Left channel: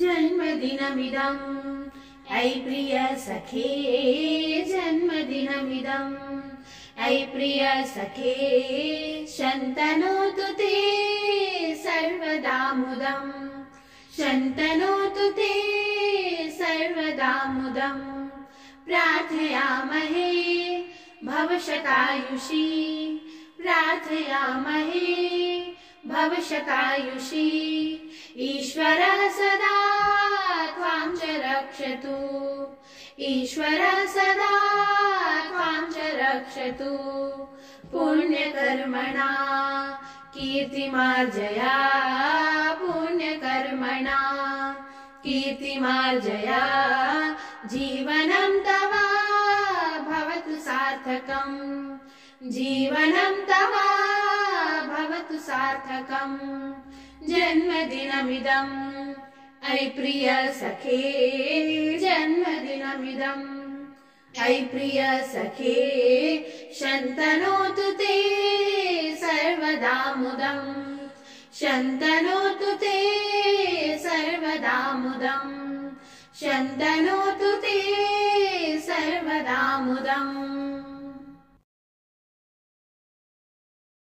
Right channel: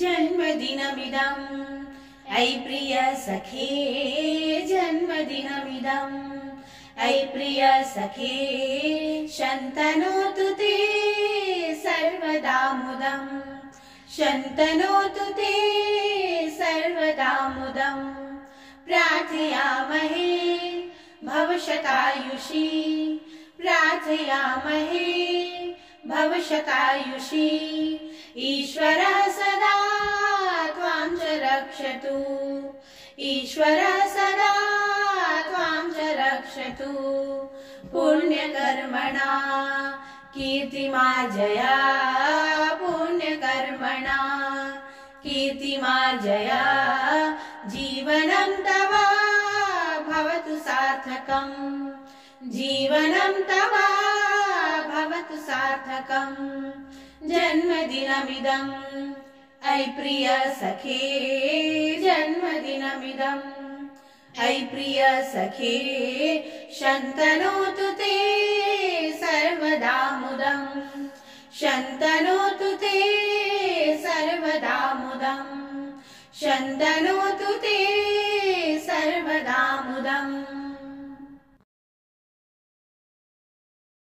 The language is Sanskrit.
जन्मदिनमिदं ऐ प्रिय सखे जन्मदिनमिदं ऐ प्रिय सखे शन्तनोतु ते सर्वदा मुदं शन्तनोतु ते सर्वदा मुदं प्रार्थयामहे भव शतायुषी प्रार्थयामहे भव शतायुषी ईश्वरः सदा त्वां च रक्षतु ईश्वरः सदा त्वां च रक्षतु पुण्यकर्मणा कीर्तिमार्जया पुण्यकर्मणा कीर्तिमार्जया जीवनं तव भवतु सार्थकम् जीवनं तव भवतु सार्थकम् जन्मदिनमिदं ऐ प्रिय सखे जन्मदिनमिदं ऐ प्रिय सखे शन्तनोतु ते सर्वदा मुदं शन्तनोतु ते सर्वदा मुदं शन्तनोतु ते सर्वदा मुदम्।